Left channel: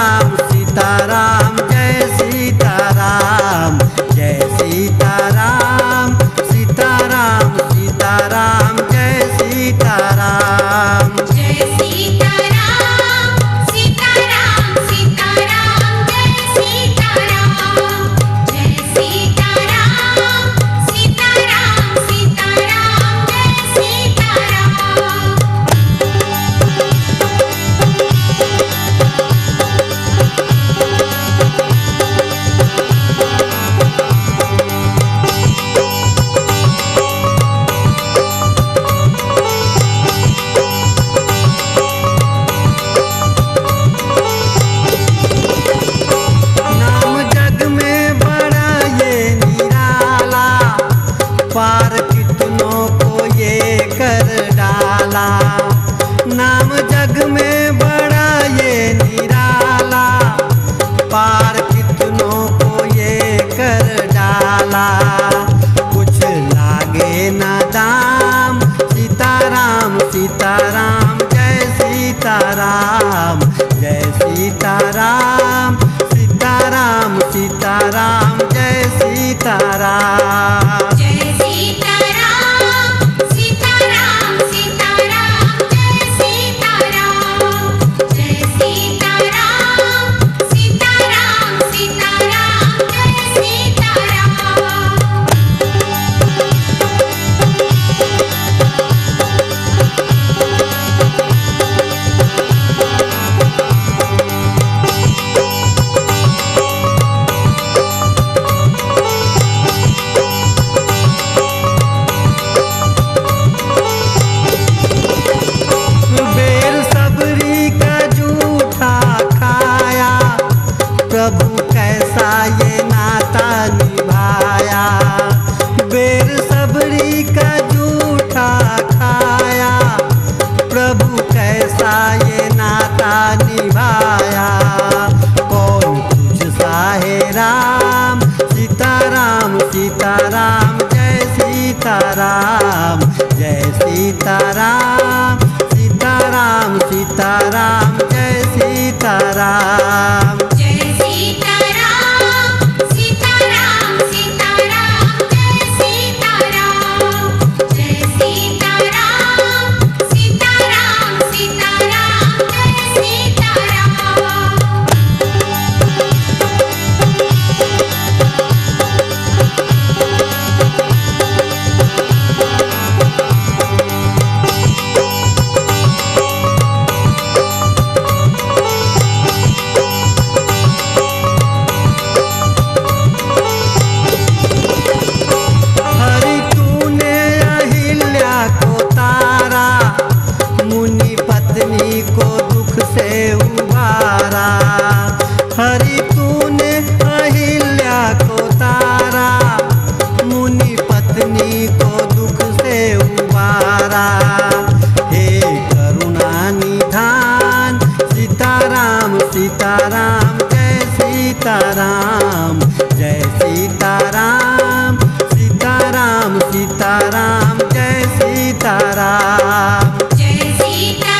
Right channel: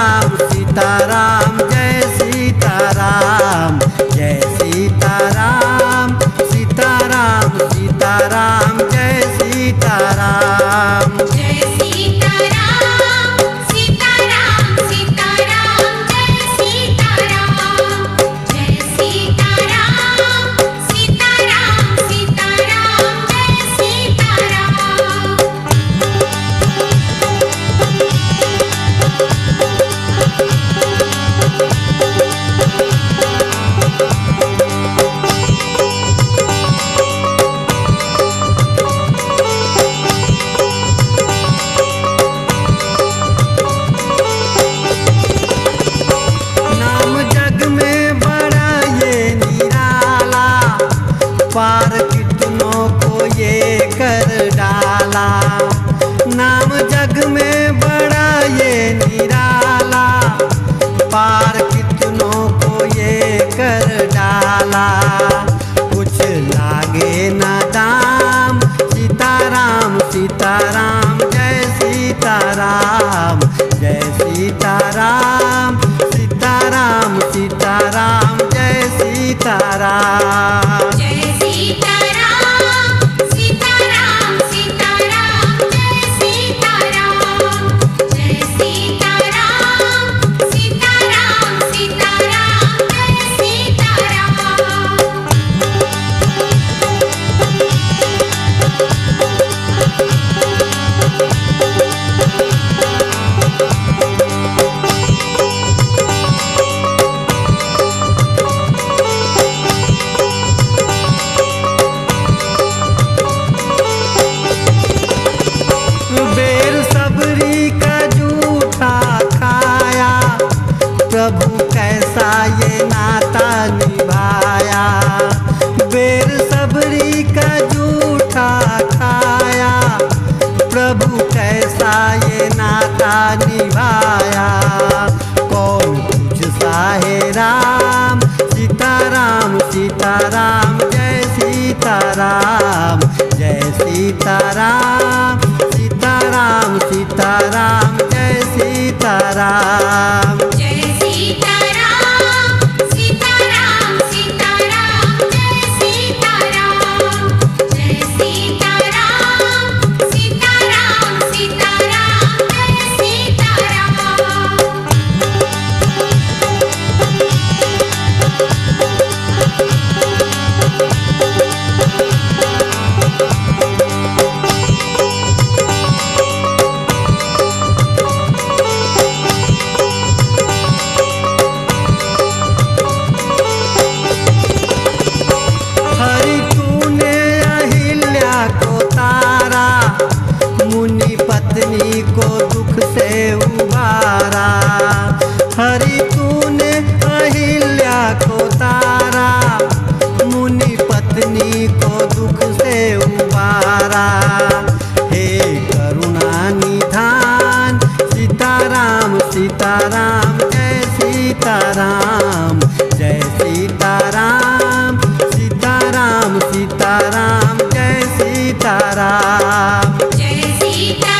सीताराम सीताराम जय सीताराम जय सीताराम सीताराम सीताराम जय सीताराम जय सीताराम सीताराम सीताराम जय सीताराम जय सीताराम सीताराम सीताराम जय सीताराम। पार कितनों को ये कर डाला, नाम जग में बड़ा ये निराला, पार कितनों को ये कर डाला। कुछ लागे न दाम, सीताराम सीताराम जय सीताराम जय सीताराम सीताराम सीताराम जय सीताराम। जय सीताराम सीताराम सीताराम जय सीताराम जय सीताराम सीताराम सीताराम जय सीताराम। प्रभु कैसा ये नाता निभाया, बेर सबरी का जूठा खाया, प्रभु कैसा ये नाता निभाया। कौन तुझ सा है राम, सीताराम सीताराम जय सीताराम जय सीताराम सीताराम सीताराम जय सीताराम। जय सीताराम सीताराम सीताराम जय सीताराम जय सीताराम सीताराम सीताराम जय सीताराम। मुनि पत्नी को दुख से उबारा, हरि तूने अहिल्या को तारा, मुनि पत्नी को दुख से उबारा। हे करुणा निधान, सीताराम सीताराम जय सीताराम जय सीताराम सीताराम सीताराम जय सीताराम। जय सीताराम।